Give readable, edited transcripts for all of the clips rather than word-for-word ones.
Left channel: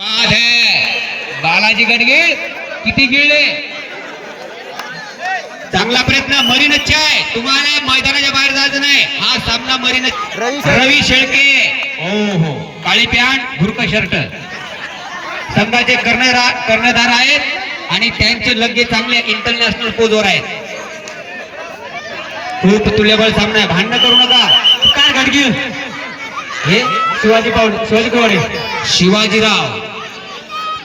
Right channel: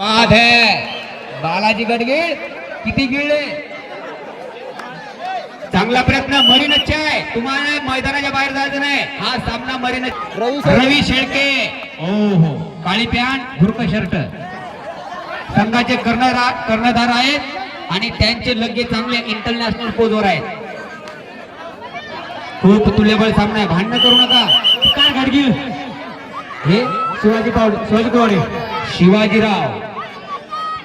बाद है बालाजी गडगे किती गिळले. चांगला प्रयत्न. मरीनच आहे. तुम्हाला मैदानाच्या बाहेर जायचं नाही. हा सामना मरीनच. रवी शेळके. हो हो काळी पॅन्ट भुरक शर्ट संघाचे कर्णधार आहेत आणि त्यांचे लग्गे चांगले इंटरनॅशनल पोजवर आहेत. खूप तुल्यबळ सामना आहे. भांडण करू नका. काय गाडगी हे शिवाजी कवाडे शिवाजीराव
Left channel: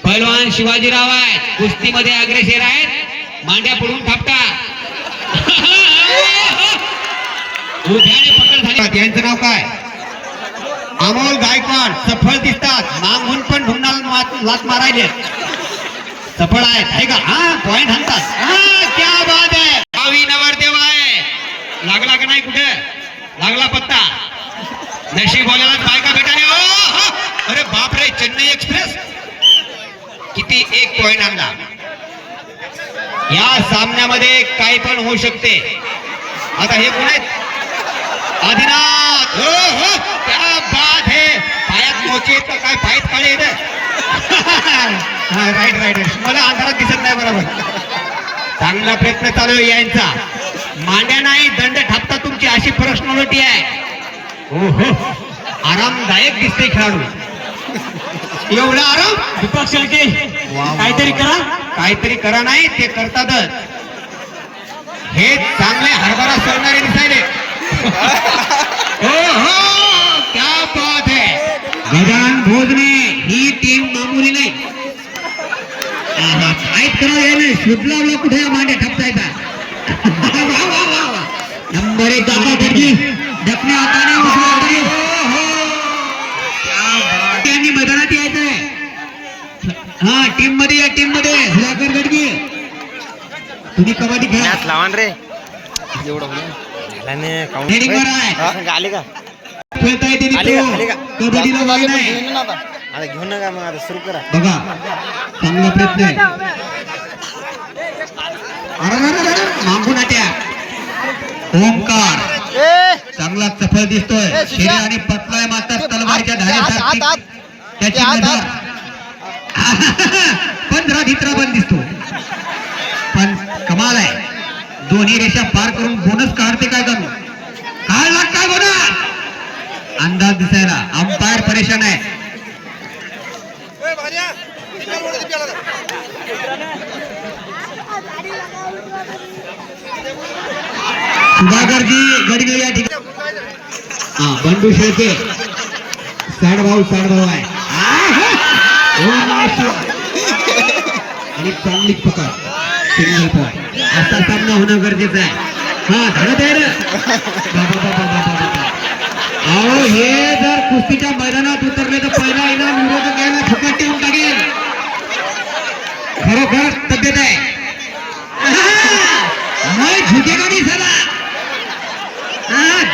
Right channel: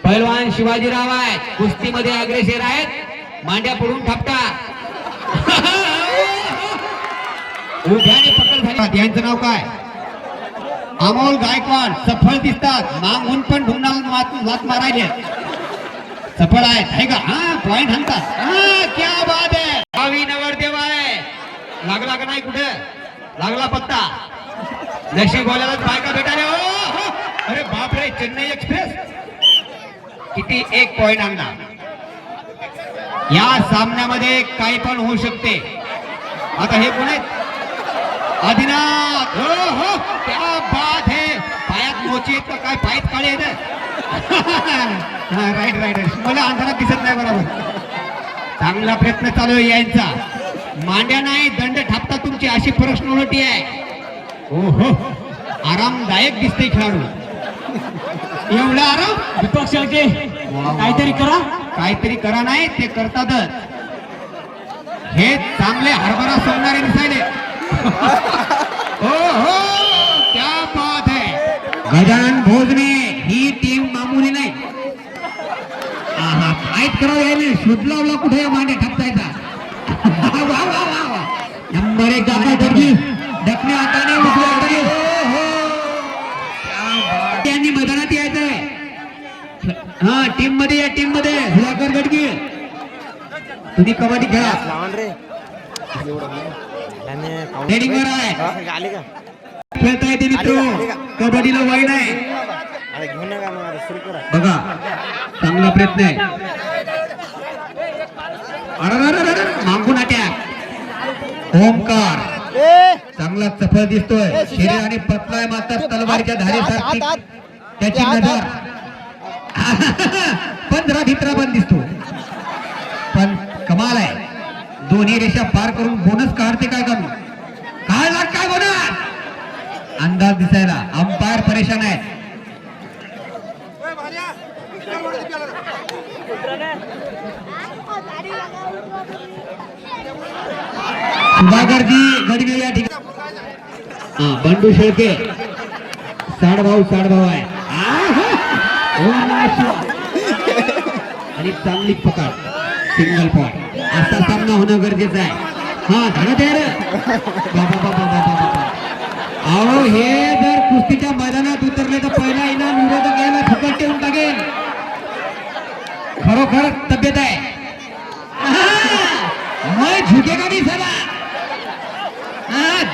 पैलवान शिवाजीराव आहेत. कुस्तीमध्ये अग्रेसर आहेत. मांड्या पडून थापतात. उभ्याने पकड झाली. यांचं नाव काय? अमोल गायकवाड. सफळ दिसतात. मागून पण ढुंगणाला लात मारायले. सफळ आहेत हे का? हा पॉइंट हाणतात. क्या बात आहे. भावी नवरदेव आहे. लागला का नाही? कुठे लागला पत्ता? नशीब बोलायला बायका भेटायला. अरे बापरे. चेन्नई एक्सप्रेस किती एक पॉइंट आणला. या सामन्यामध्ये काही पण होऊ शकते. आता हे कोण आहेत? आदिनाथ. हो हो क्या बात है. पायात मोचे तर काय पायात काळे राईट राईट. मला अंधारात दिसत नाही बरोबर. चांगला प्रयत्न चालू आहे यांचा. मांड्या नाही दंड थापता तुमची अशी पर्सनॅलिटी आहे. हो हो आरामदायक दिसते खेळाडू. एवढा आराम. दीपक शेळके काहीतरी करा. काहीतरी करा नाही ते करतातच. हे चांगले हरभरा सोडणारे दिसायले. हो हो क्या बात है. गजानन भोजने ही टीम मामूली नाही. फाईट करा याने. शोधला कुठे मांडे ठपता येतात. नंबर 1 दादा गडगी डकने हाताने उजव्या हाताने. त्यांनी मैदानात यायचंय. हा टीम मध्ये या. टीम मध्ये सुधाकर गडगी तुम्ही कबड्डी खेळा. लावण रे ट्रेनिंगवर आहे. आले का खेळता येते मित्र. कबड्डीला वाई नाही. घेऊन नका मग आता सुरू करा. बघा चांगला प्रयत्न आहे. अरे मागून आट्या. ओमकार चांगला सफळ दिसतोय. शरीर आणि पतलाय मात्र तलवारीच्या धारेसारखी त्याची नजर. 15 भित्रा पण दिसतो. पण कमाल आहे. दोन्ही रेषा पार करून बोनस काढते काय करू. काढला काय बोनस अंदाज दिसायला. अंपायर परेशान आहे. सुधाकरजी गडगे या ठिकाणी. हा बंडू शेळके साडभाऊ आहे. आणि चांगली पकड. Single point. असा सामना होणं गरजेचं आहे. हा धडत आहे अहो हे जर कुस्तीच्या मैदानात उतरले तर पहिला इनाम विरोधक याला फुकट ठेवून टाकेल. खरोखर तब्येत आहे. मैं झुकेगा नहीं साला.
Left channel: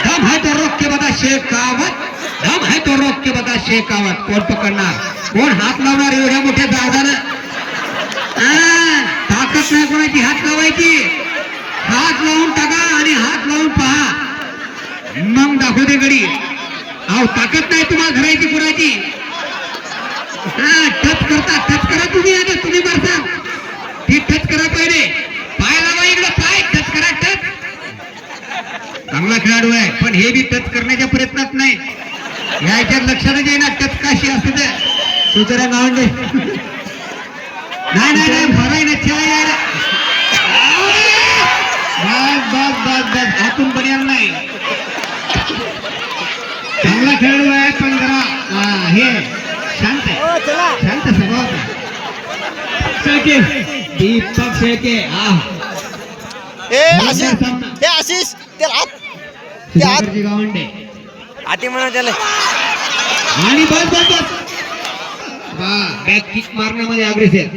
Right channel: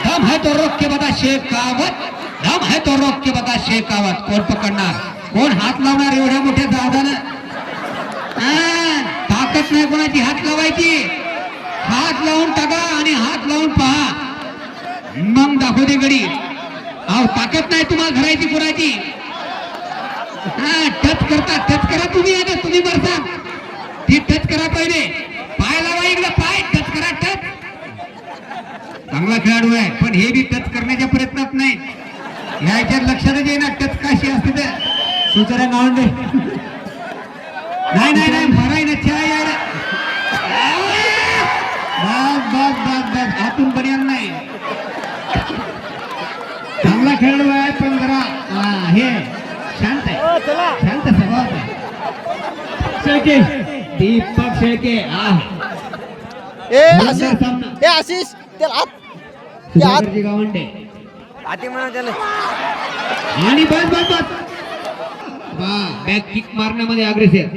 दम है तो रोक के बता शेखावत. दम है तो रोक के बता शेखावत. कोण पकडणार? कोण हात लावणार एवढ्या मोठ्या जागानं? ताकद नाही कोणाची हात लावायची. हात लावून टाका आणि हात लावून पहा. मग दाखवते गडी. अहो ताकद नाही तुम्हाला धरायची कोणाची. टच करता. टच करा तुम्ही. आता तुम्ही बरसा ती टच करा. पहिले पाय लावा इकडे. पाय टच करा. टच. चांगला खेळाडू आहे पण हे बी टच करण्याच्या प्रयत्नात नाही. याच्यात लक्षात येईना टच काशी असते ते. सुचरा गावंडे नाही नाही नाही भराय ना खेळा. बस बस बस बस हातून पर्याय नाही. चांगला खेळाडू आहे पण जरा हे शांत आहे. शांत स्वभाव आहे. शेळके दीपक शेळके. आशिष गावंडे आती म्हणून त्याला. आणि बस बस बस बॅक किक मारण्यामध्ये अग्रेसर.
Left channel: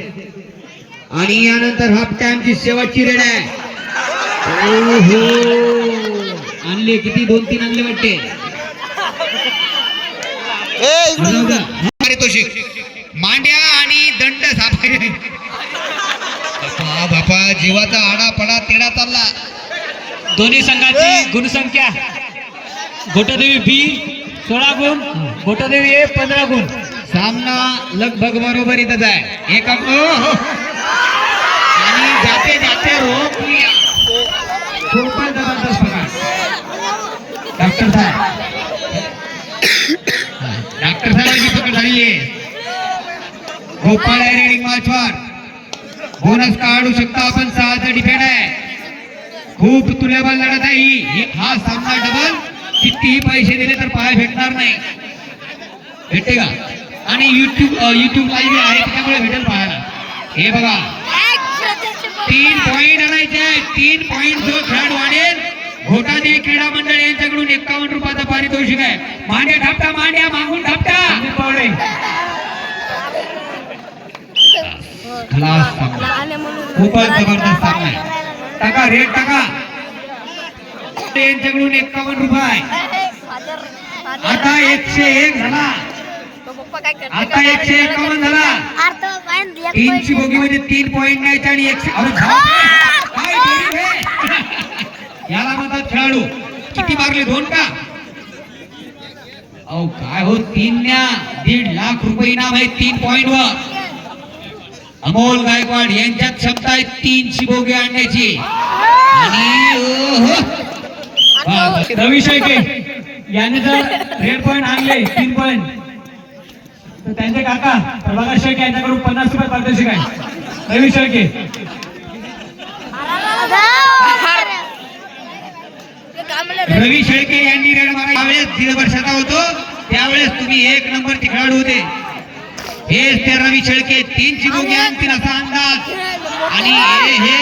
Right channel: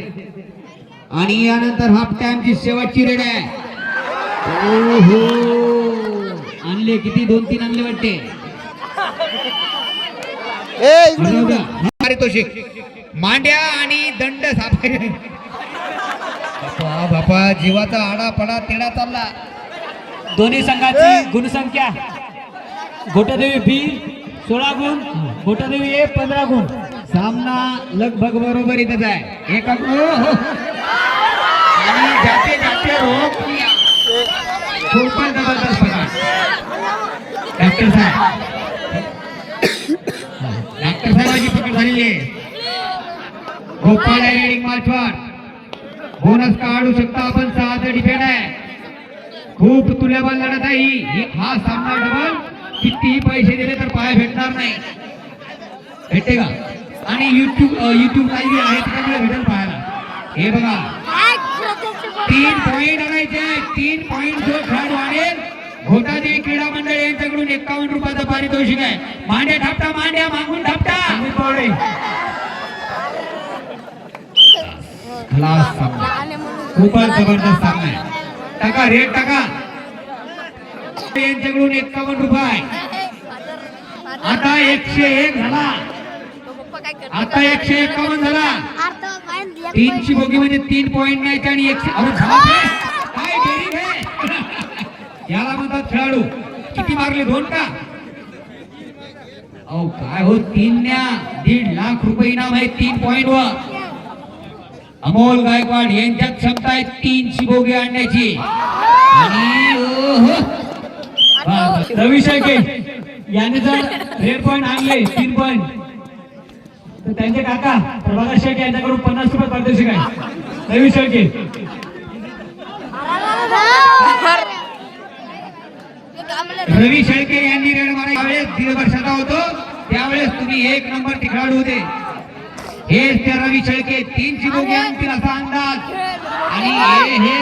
आणि यानंतर हाफ टाइमची शेवटची रेड आहे. ओहो आणले किती 2-3 आणले वाटते. मांड्या आणि दंड सापडले. बापा जीवाचा आडा पडा तेडा चालला. दोन्ही संघाची गुणसंख्या घोटदेवी बी 16 गुण, घोटदेवी ए 15 गुण. सामना लगभग बरोबर इथंच आहे एका हो आणि जाते रोख लिया खूपच जबरदस्त प्रकार डॉक्टर साहेबांची पकड झालेली आहे गोपाळ आहे रेडिंग मार्चवर बोनस काढू शकता आपण 6चं डिफेंड आहे खूप तुल्यबळ लढत आहे ही हा सामना डबल कितीही पैसे दिले तर पाय भेटणार नाही भेटते का आणि युट्यूब लाईव्ह आहे त्यामुळे भेटेल पाहायला हे बघा 3 पॉइंट आणायचे 3 पॉइंट जो खेळाडू आणेल घोटादे क्रीडा मंडळ यांच्याकडून 51 रुपयाचा पारितोषिक आहे मांड्या ढापटा मांड्या मागून ढापटा खलास सामना खूपच जबरदस्त सामना आहे टाका रेट टाका यांच्याकडून 51 रुपये आता 101 झाला आता 151 झाला 3ची बोगीमध्ये 3 पॉइंट नाही आणि 100 अरे काय गरीब आहे याला म्हणतात खेळाडू किती मारले 2 का अहो काय हो 3 न्या 1.5 लाख रुपये इनाम आहे 3 पॉइंट वर अमोल गायकवाड यांच्यात क्षमता आहे 3ची बोगी आणण्याची आणि रवी शेळके यांनी जर रेड पॉइंट आणले 3 पॉइंट तर त्यांचे काका प्रभाकर शेळके यांच्याकडून 50 रुपये पारितोषिक आहे रवी शेळके रवी शेळके यांनी रेड मारा त्यावेळेस 1.5 वर्षाचा होतो त्यावेळेस तुम्ही 1 नंबर खेळाडू होते हेच ते रवी शेळके 3ची बोगी आणतील असा अंदाज आणि हे